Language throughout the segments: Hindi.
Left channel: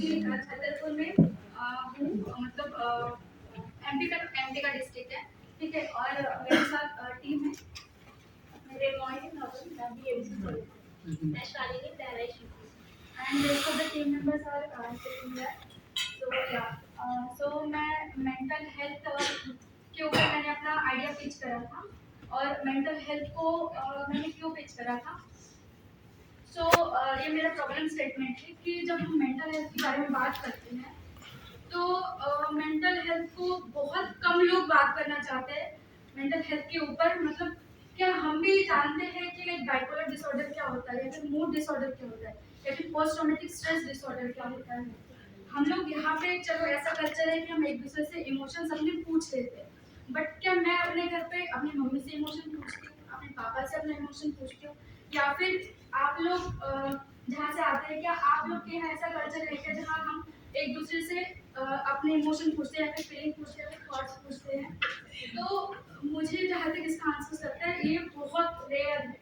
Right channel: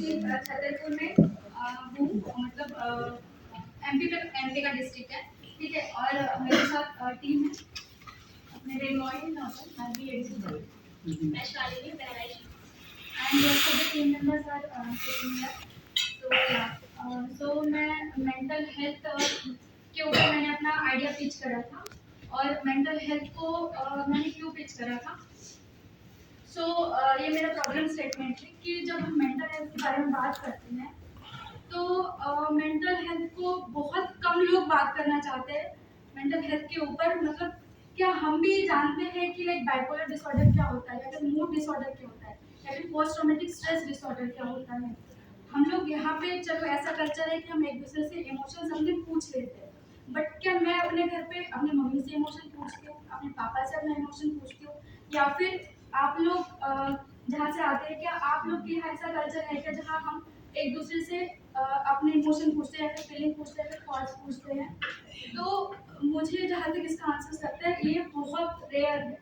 बेसिकली छतरपुर में हूँ, मतलब एमपी का डिस्ट्रिक्ट है, ठीक है। और मेरे साथ टीम है, मेरे मॉर्निंग मैं भी एडिशन चल मैं Shalini Bahraich and rest of the team members are sitting here. So मैं मेंटल हेल्थ के ऊपर मैंने अपना आइडिया पिच करा था। और मेंटल हेल्थ को मैंने क्यों पिच करा था, ये मेरा प्रॉब्लम स्टेटमेंट है कि जब हम मेंटल हेल्थ के बारे में बात करते हैं तो मेंटल हेल्थ को बहुत कम लोग बात करना चाहते हैं मेंटल हेल्थ के ऊपर। मतलब क्या हम भी जानते हैं कि लाइक बाइपोलर डिसऑर्डर क्या होता है, या फिर मूड डिसऑर्डर क्या होता है, या फिर पोस्ट ट्रॉमेटिक स्ट्रेस डिसऑर्डर क्या होता है। हम लोग यहाँ पे चलो ऐसा कल्चर है कि हम एक दूसरे से इमोशंस अपने पूछ लेते हैं, बट क्या मैं अपने घर पे अपनी मम्मी से इमोशन पूछती हूँ, अपने पापा से अपना इमोशन पूछती हूँ, या फिर आप लोग जहाँ से आते हैं क्या आप लोग के यहाँ ऐसा कल्चर है क्या जहाँ हम एक दूसरे से अपने इमोशन पूछते हैं, या फिर फीलिंग पूछते हैं, या फिर थॉट्स पूछते हैं। तो मुझे जहाँ तक इसका आंसर लगता है ये बहुत रेयर है,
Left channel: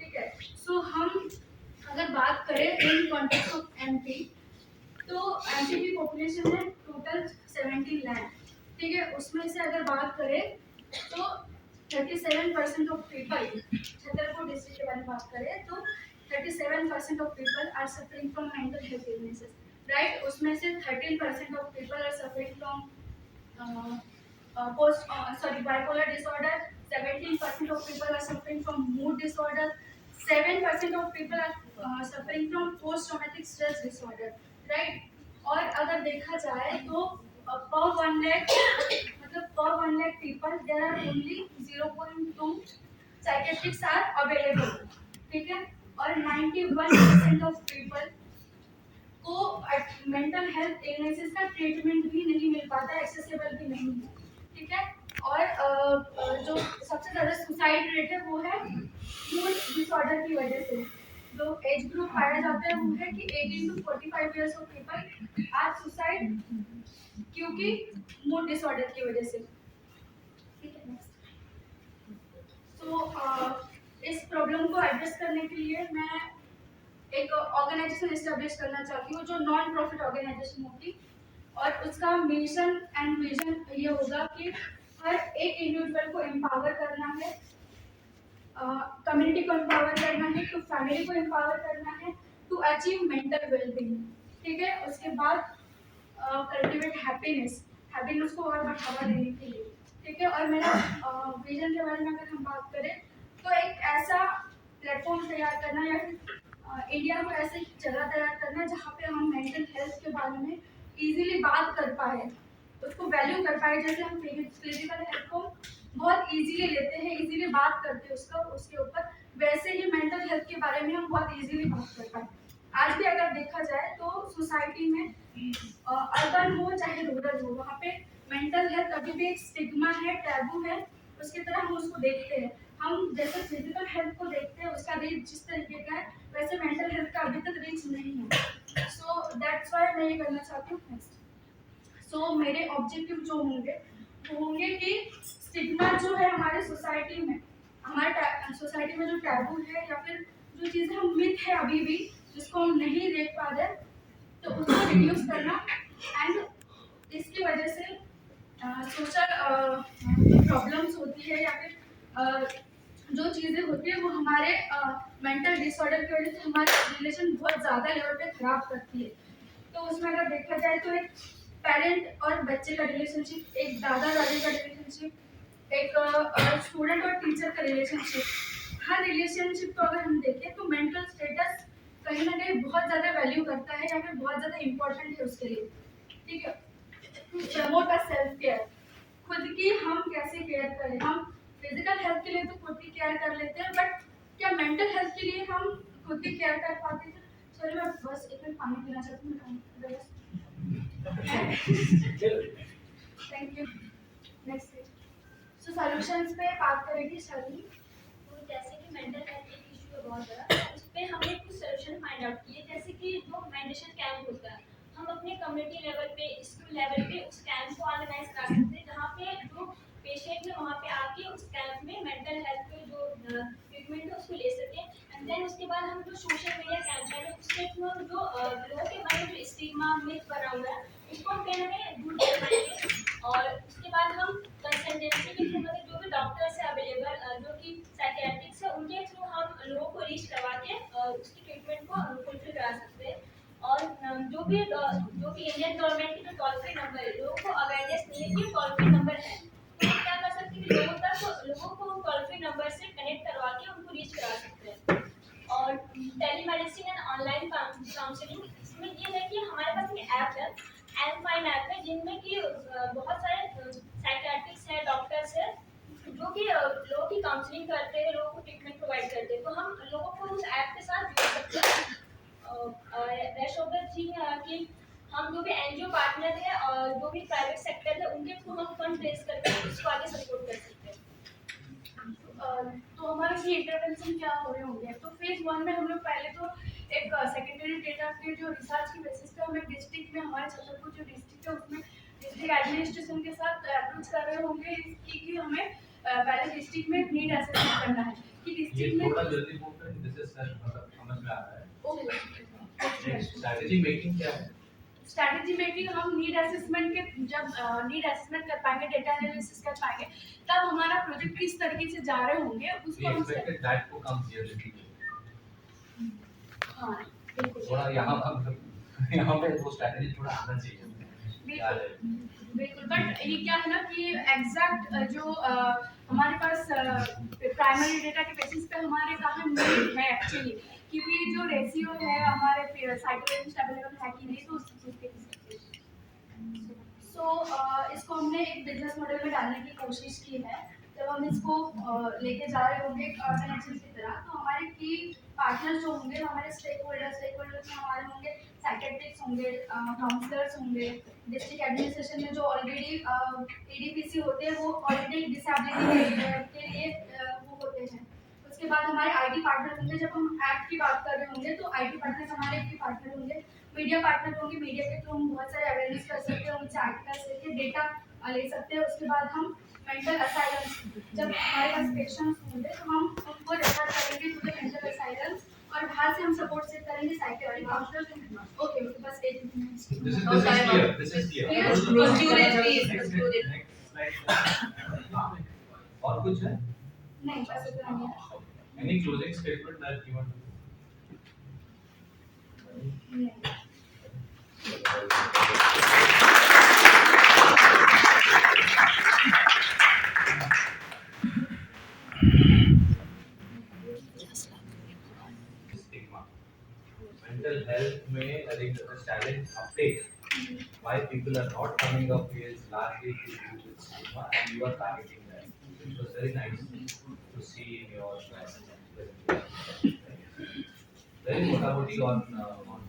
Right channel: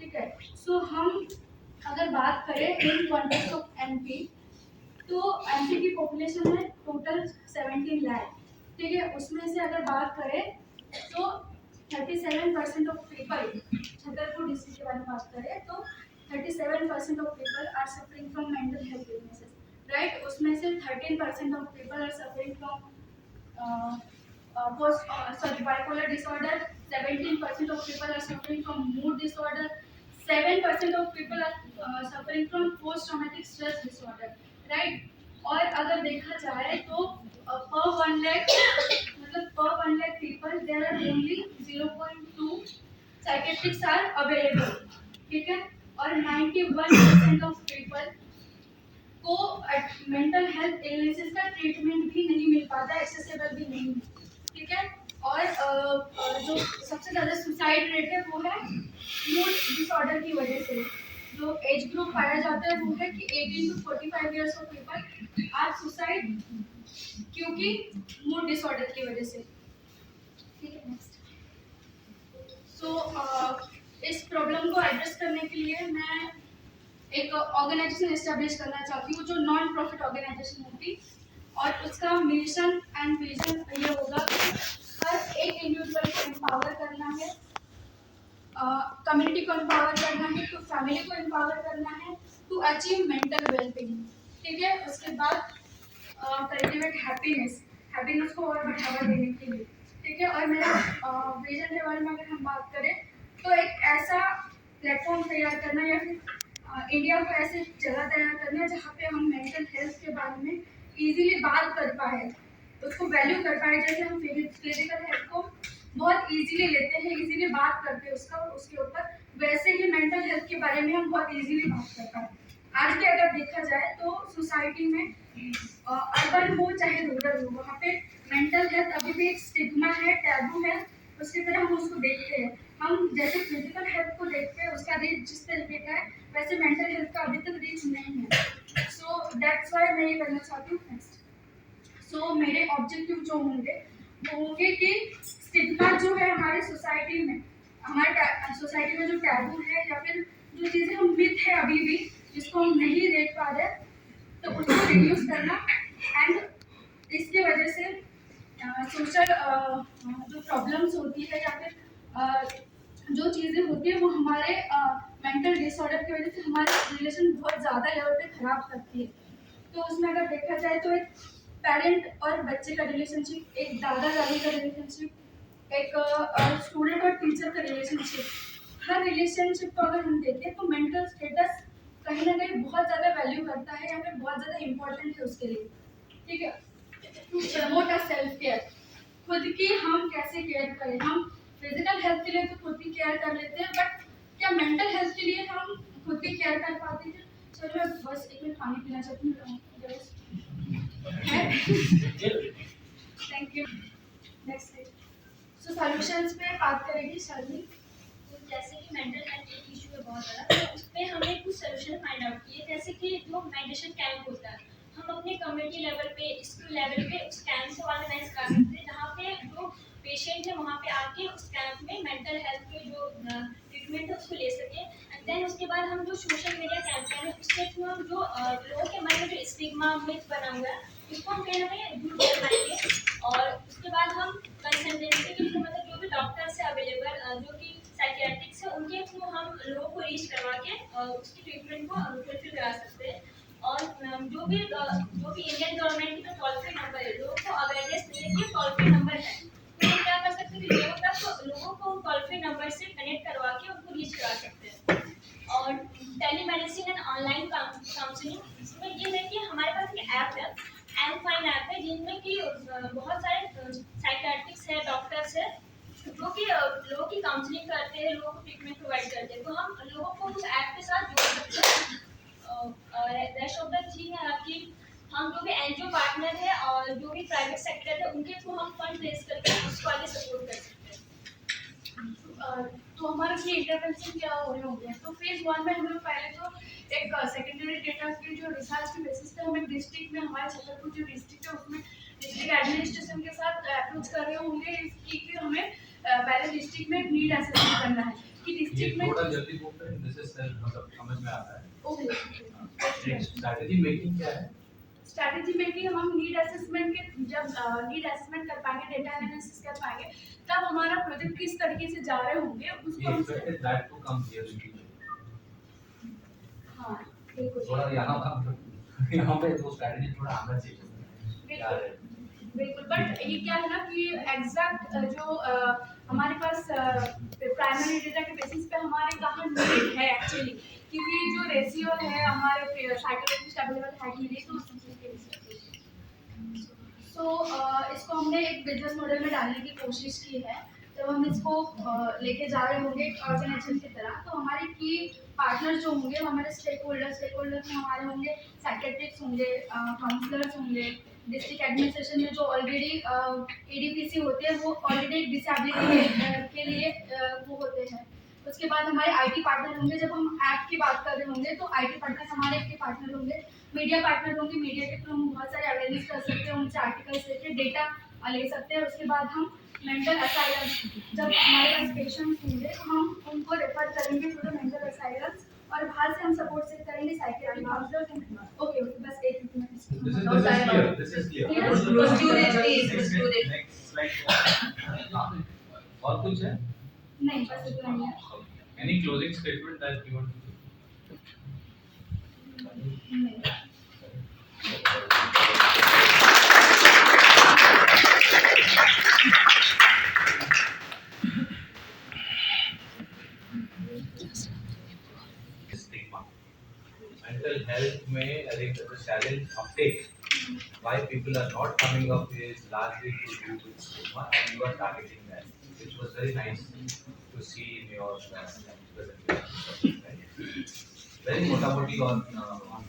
ठीक है। सो हम अगर बात करें इन कॉन्टेक्स्ट ऑफ एमपी, तो एमपी की पॉपुलेशन है टोटल 17 लाख, ठीक है। उसमें से अगर बात करें तो 37% ऑफ पीपल, छतरपुर डिस्ट्रिक्ट के बारे में बात करें तो 37% of people are suffering from mental health illnesses, right. उसमें से 13% of people are suffering from bipolar disorder, 17% of people are suffering from mood disorder, 7% of people are suffering from post traumatic stress disorder, right। और अगर देखा जाए तो per 1 lakh, मतलब per 1 lakh people there are only 0.2 psychiatrists are available, ठीक है। और 91% of people को मेंटल हेल्थ इलनेसेस का ट्रीटमेंट भी नहीं मिल पाता, एक्सेसिबल भी नहीं है, ठीक है। और जो सबसे ज़्यादा सुसाइड रेट है वो है मूड डिसऑर्डर की वजह से। जो एज ग्रुप पाया जाता है वो है कि 18 to 45 years of people are suicide क्योंकि मूड डिसऑर्डर की वजह से, ठीक है। नेक्स्ट, इस प्रॉब्लम को एड्रेस करने के लिए मैं एक ऑर्गेनाइजेशन एस्टेब्लिश करना चाहती हूँ जो नॉन प्रॉफिट ऑर्गेनाइजेशन होगी, और उसका मिशन एंड विजन ये होगा कि हर एक इंडिविजुअल को एम्पावर करना है, कम्युनिटी को एम्पावर करना है, तो फैमिली को एम्पावर करना है टू अचीव मेंटल वेलबींग, ठीक है। उसके बाद कल्टिवेट हैप्पीनेस को और बढ़ावा देने के लिए, ठीक है। और मेरा विजन के बारे में अगर हम बात करें तो एक ऐसा प्लेटफॉर्म तैयार करना, या फिर इंडिया को ऐसे जगह तैयार करना है जहाँ पे हम मेंटल हेल्थ के बारे में इजीली बात कर पाए, उसको वैल्यू कर पाए। जैसे हम फिजिकल हेल्थ को बहुत इजीली लेते हैं, इजीली बात करते हैं उसके ऊपर, वैसे ही मेंटल हेल्थ के बारे में हम बहुत इजीली बात कर पाए। आज भी अगर देखा जाए तो सोसाइटी में अर्बन हो चाहे रूरल हो, वहाँ पे मेंटल हेल्थ अभी भी एक स्टिग्मा है, टैबू है, उसकी तरह हम उसको देखते हैं। हम जैसे फिजिकल हेल्थ को देखते हैं उसका रीच जिस तरीके का है, वैसे मेंटल हेल्थ का अभी तक रीच नहीं है। सो दैट्स व्हाई मैं ये करना चाहती हूँ। नेक्स्ट, मेरे ऑब्जेक्टिव जो होंगे वो होंगे कि स्टिग्मा जो है हमारे सोसाइटी में, हमारे सोसाइटी में जो टैबू है, या फिर जो चीज़ें हम मिथ है अभी भी जिसको हम नहीं देख पा रहे, तो उसको रिड्यूस करना। एंड इसकी वजह से सोशल जो प्रॉब्लम्स होती है, या फिर जो चीज़ें होती है वो हमारे मेंटल डिसऑर्डर की वजह से हमारे रिलेशन बहुत ज़्यादा लेवल पे ख़राब करती है। तो उसमें अगर देखा जाए तो एक पेरेंट और बच्चे का रिलेशनशिप, एक दादा दादी का रिलेशनशिप, एक स्टूडेंट और टीचर का रिलेशनशिप, हर रिलेशनशिप को अगर हम देखें तो मेंटल स्टेटस कहीं ना कहीं बहुत ज़्यादा वैल्यू करता है, या फिर बहुत ज़्यादा इम्पोर्टेंट है उसके लिए, ठीक है। To promote a self care, खुद की हम कैसे केयर करें। हम फिजिकल हेल्थ के लिए तो खुद की केयर कर लेते हैं, बट क्या मेंटल हेल्थ के लिए हम खुद की केयर कर पाते हैं? चलो मैं बस एक मिनट पानी पीना चाहती हूँ। Thank you. नेक्स्ट, सॉल्यूशंस पे बात करेगी शर्मी। तो जैसे कि मेंटल हेल्थ एक इशू है बहुत बड़ा, तो उस पर हमने कुछ सोल्यूशन फाइंड आउट किए। जैसे कि जो मेडिटेशन कैंप होता है, हम अपने कम्युनिटी लेवल पे, स्कूल लेवल पे उस कैंप को ऑर्गेनाइज कर सकते हैं, जहाँ पे जो पेशेंट है वहाँ पे आके उस कैंप में मेंटल हेल्थ के जो ट्रीटमेंट है उसको ले सके। एंड देन उसके बाद हम जो सोशल मीडिया कैंपेन है उसके थ्रू हम जो लोगों के मन में जो स्टिग्मा मिथ बना हुआ है उसको हम कहीं ना कहीं दूर कर पाएंगे। और उसके बाद हम कंसल्टेंसी के थ्रू मतलब जो भी डॉक्टर्स है अवेलेबल जो कि साइकियाट्रिक्स है उनके थ्रू हम लोगों को रीच करवा के उसकी ट्रीटमेंट को फुलफिल करा सकते हैं। और जो भी इंडियन गवर्नमेंट की जो टोल फ्री नंबर है लोगों को अवेयरनेस नहीं है कि टोल फ्री नंबर है, तो हम क्या कर सकते हैं कि लोगों को टोल फ्री नंबर से कनेक्ट करवा के उनको रीच करा सकते हैं। और टेलीमेडिसिन एंड ऑनलाइन काउंसलिंग इसमें ये है कि हमारे पास एक ऐप है, एम फाइन ऐप है, जिनमें कि बहुत सारे साइकियाट्रिक्स है, डॉक्टर्स है जो कि लोगों की काउंसलिंग करते हैं, लोगों को ट्रीटमेंट प्रोवाइड करते हैं। तो हम लोगों को उस ऐप के साथ जोड़ सकते हैं। और रेस्ट ऑफ द थिंग है कि हम जो भी एनजीओ पार्टनर है और जो भी प्राइवेट सेक्टर है उनके थ्रू हम फंड रेज करके उसको आगे सपोर्ट कर सकते हैं। तो हमारे ये इंटरवेंशन क्या हो रहे होंगे, तो फेज 1 में हम लोग पहले तो एक सेकेंडरी डेटा के जो रिसर्च के बेसिस पे हम एक डिस्ट्रिक्ट में हमारे छतरपुर जो डिस्ट्रिक्ट है उसमें डिस्ट्रिक्ट एडमिनिस्ट्रेशन के साथ अप्रोच कर रहे होंगे इसकी कि हमें पहले डिस्ट्रिक्ट में नीड असेसमेंट करना है कि ये डिस्ट्रिक्ट में थोड़ा जल्दी बोल रहे हैं, दिस इज मतलब समझ में आ रहा है। ओके स्ट्रैटेजी मेकिंग क्या है? स्ट्रैटेजी मेकिंग हम नीड असेसमेंट के जब नीड असेसमेंट कर पाएंगे, डेटा एनालिसिस कर पाएंगे, तब हमारा प्रोजेक्ट किस तरीके से जा रहे होंगे उसको We हम expected that to come here in detail. हाँ बिल्कुल थोड़ा यहाँ पे वो स्ट्रैटेजी थोड़ा आना चाहिए। क्या है? बिल्कुल, बट ये क्या है ना कि एग्जैक्ट जो हमारे पास प्राइमरी डेटा के बेसिस पे हमारे कहाँ नीड है एक्चुअली, क्योंकि जो रेशियो है हमारे साइकोलॉजिस्ट अवेलेबल है कि नहीं, तो उस चीज़ के हिसाब से इसको हमने एक बिजनेस मॉडल में डालने की कोशिश की है। जब हम इसको लेके जा रहे होंगे एक ऑर्गेनाइजेशन की तरह, तो हमारे की पार्टनर्स जो होंगे वो हमारे स्टेक होल्डर्स में हमारे होंगे साइकेट्रिक्स होंगे, काउंसलर्स होंगे, डिस्ट्रिक्ट एडमिनिस्ट्रेशन में जो ऑलरेडी एडीपीसी होते हैं वो ऑलरेडी डिसेबिलिटी के लिए वो होते हैं। उसके बाद हमारे आईटी पार्टनर होंगे, जब हम ऐप की बात कर रहे होंगे तो आईटी पार्टनर हमारे के पार्टनर होंगे, मीडिया पार्टनर होंगे, मीडिया के थ्रू हम बहुत सारे अवेयरनेस कर सकते हैं, उनसे आर्टिकल्स लेके डेटा ले सकते हैं। उसके बाद हम मेंटल असाइलम्स, जब हमारे पास पेशेंट्स होंगे तो हम उनको रेफर करेंगे टू द मेंटल असाइलम्स और बाहर से हम सपोर्ट से करेंगे साइकियाट्रिक काउंसलर्स। ओके बस एक minute. This is clear. This is clear. Yes, Next slide. हाँ, और कुछ है? नहीं बस इतना ही है। Any closing statement that you want to नहीं। stigma? Mental health में I think the challenge uptake why people are not coming up is largely to do with stigma, and you are targeting that, which was very nice to see in your presentation. Right? Very मोटामोटी on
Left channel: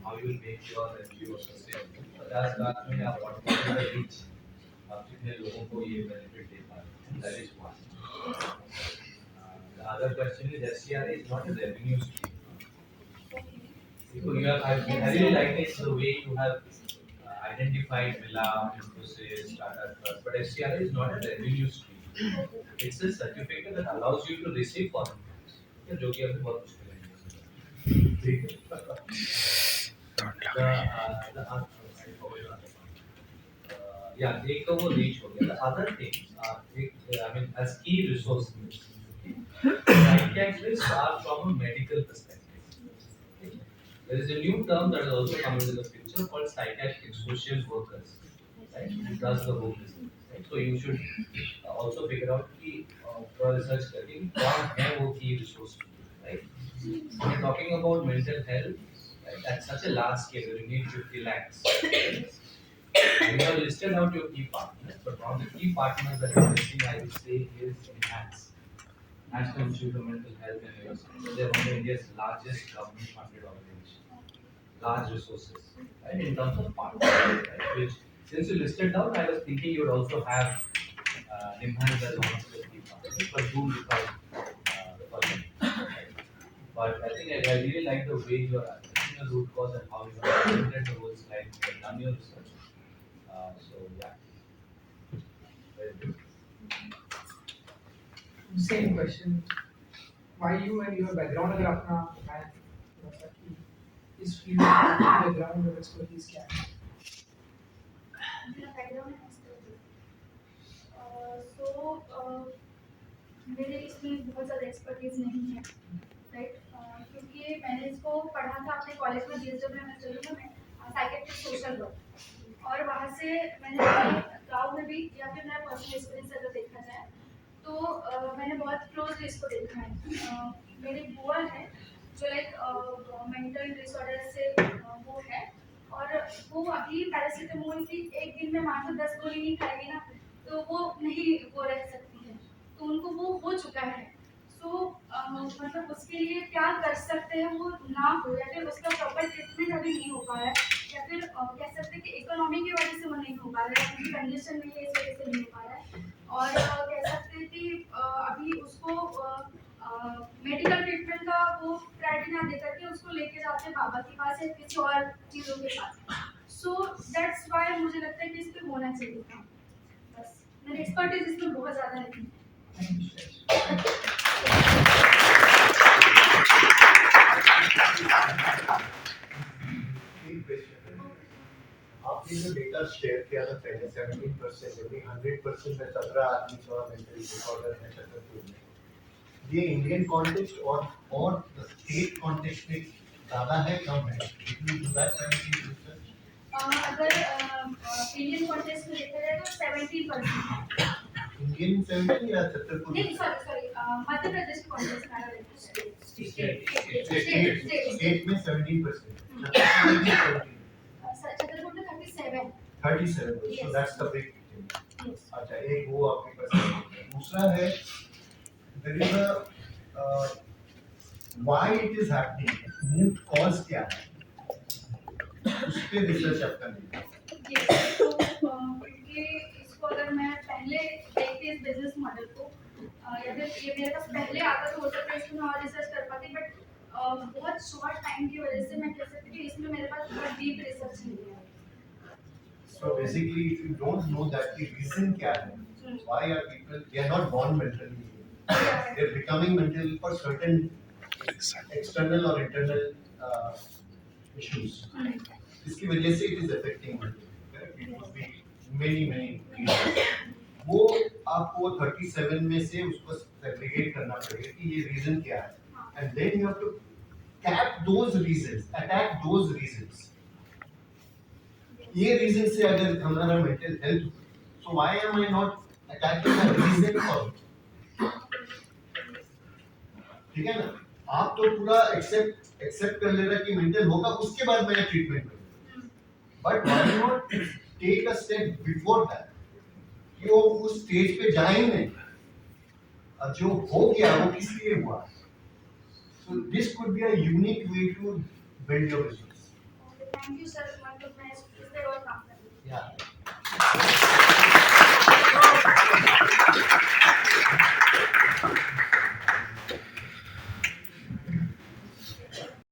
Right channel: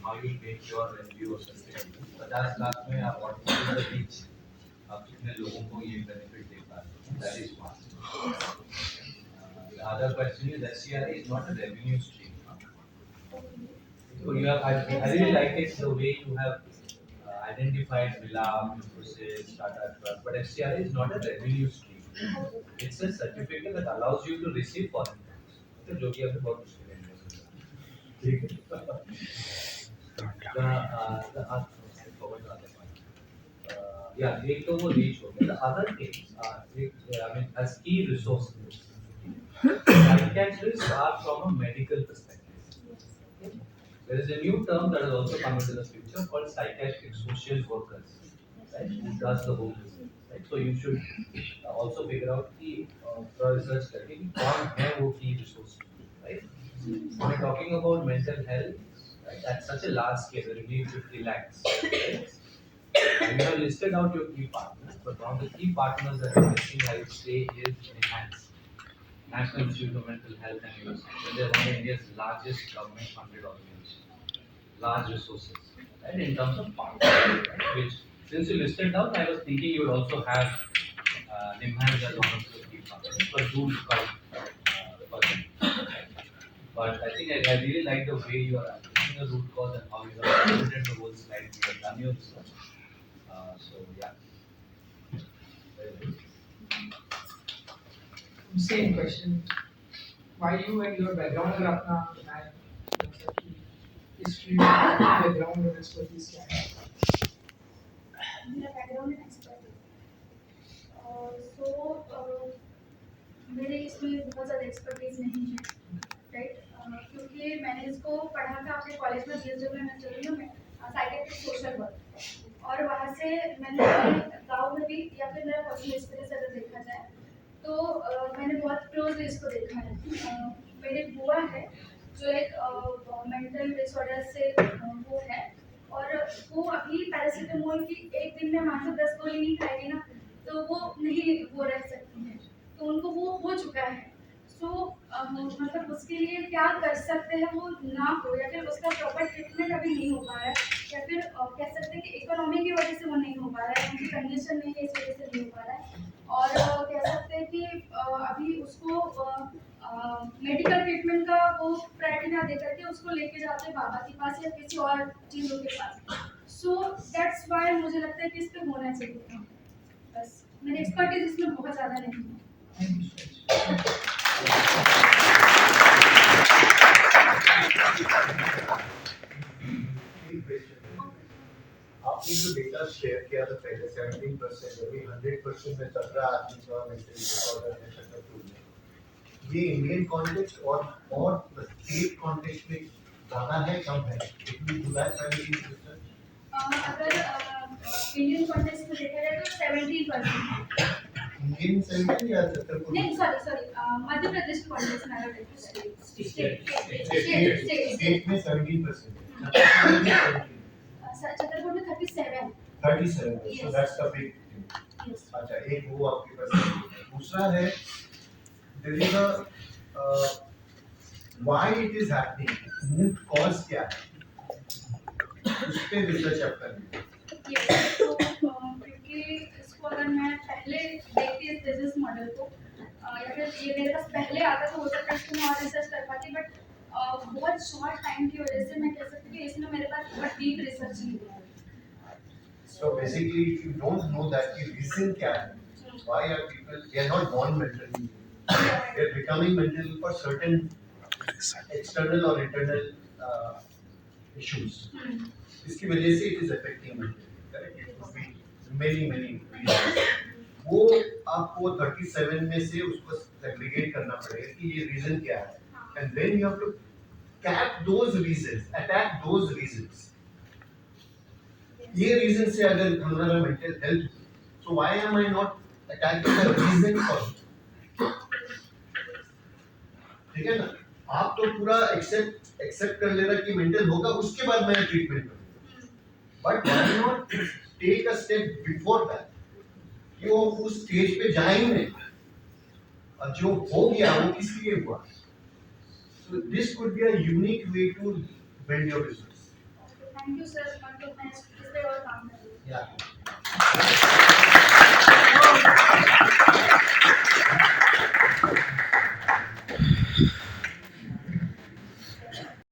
how you will make your NGO sustainable. 50 lakh में आप what will be the reach? आप कितने लोगों को ये benefit दे पा रहे हैं? That is one. The other question is SCRA is not a revenue stream. So you have, I really like it the way you have identified Mila, Infosys, Tata Trust, but SCRA is not a revenue stream. It's a certificate that allows you to receive foreign funds. Okay, जो कि अभी बहुत मुश्किल है। ठीक है। Yeah, एक तो वो reach हो गया. The other thing, I mean, as key resources, psychiatrists are from a medical perspective. Okay? There is a new term that has also come into the picture called psychiatric social workers, right? It does the whole business, right? So you should also figure out कि थोड़ा research करके कि कौन है वो key resource, right? When we're talking about mental health, right, at such a large scale, where you need 50 lakhs. Right? You have listed out your key partners, but one of the key partners that are missing, I would say, is NIMHANS, National Institute of Mental Health and Neuroscience. They are one of India's largest government-funded organizations, large resources, and in terms of partners, right? Which, since you listed down, I was thinking you would also have NIMHANS as one of the key partners, but do look out for them. Right? But I think I really like the way you are addressing the root cause and how you have presented the whole slide. You have done your research. So yeah. Very good. Same question. why you and your background अगर अपना बताएं मतलब कि इस फील्ड में बैकग्राउंड और एक्सपर्टीज क्या है? मेरा बैकग्राउंड है एक्सपर्ट सो मेरे इसमें बहुत ज़्यादा एक्सपर्टीज नहीं है राइट क्योंकि मैंने इसको पढ़ा था अपने कॉलेज में BSW में साइकेट्रिक सोशल वर्क और वहाँ से मैंने अपने गाँव में भी या फिर मेरा पर्सनल एक्सपीरियंस अगर देखा जाए तो मैंने बहुत क्लोजली इसको देखा है मेरी बुआ है जो लाइक मेंटल डिसऑर्डर से वो है और वो अभी पैरासीटामोल की एक दिन में मान लो 10 गोली नहीं खाएगी ना तो वो नहीं वो रह सकती है तो उनको वो हो चुका है सो मतलब उसके लिए क्या कर सकते हैं वो ना हो या फिर उसका प्रॉपर ट्रीटमेंट अभी नहीं हो पा रहा है या फिर कह सकते हैं कि इकोनॉमी की वजह से वो नहीं हो पा रहा है उनकी कंडीशन नहीं है इस वजह से नहीं हो पा रहा है और कह सकते हैं कि अभी उसको मेडिकल ट्रीटमेंट का वो प्रायोरिटी ना देकर के उसको लेके जाते हैं बाबा के पास या किसी और चीज़ों के पास सो दैट्स वाई मुझे लगता है कि इस पे होना चाहिए था बस मेरी एक्सपर्टीज इसमें बहुत ज़्यादा नहीं है आपने जो डेटा शेयर किया था पहले 17% यानी 100% में 17 आदमी का मेंटल डिसऑर्डर है छतरपुर में ये इंडियन कॉन्टेक्स्ट और स्टेट कॉन्टेक्स्ट में ज़्यादा है कम है इतनी जुलाई प्राइमरी रिसर्च अगर इंडियन कॉन्टेक्स्ट में देखा जाए तो 17% इंडियन 17 या छतरपुर नहीं सॉरी मध्य प्रदेश के कॉन्टेक्स्ट में अगर स्टेट में 17% छतरपुर में 17 छतरपुर में 37 37 so Yes. that's the big thing. yes. अच्छा एक वो आपके पास है। दूसरा है there is a why it is happening root cause क्या है उस पे रिसर्च आप करनी है क्योंकि इसको अगर मैं पहले देखती इस बिजनेस मॉडल को या फिर ये मेरे पास पहले आता तो हो सकता है इसको मैं और रिसर्च कर पाती बट बहुत शॉर्ट टाइम की वजह से मैं कह सकती हूँ कि इसमें मेरे पास बहुत डीप रिसर्च नहीं है so basically if you don't know that the reason क्या है why are people they are not born mentally they are becoming mental for certain external or internal issues इसकी वजह से it is affecting mental correct it could be many reasons वो आपको 37 में से उसको सेग्रीगेट करना पड़ेगा कि ये रीजन क्या है and then you have to attack those reasons ये रीजन से अगर हमारा mental health so why am I not attacking the reason for it ठीक है ना आप तो पूरा एक्सेप्ट कर ले रहा कि मेंटल होगा उसके बाद मैं ट्रीटमेंट करूंगा but why not take a step before that कि वो उस स्टेज पे जाए ही नहीं और जो हो गया वो किस लिए हुआ so this could be a unique way to build your business thank you sir मतलब मैं इस पे और काम करूँगी yeah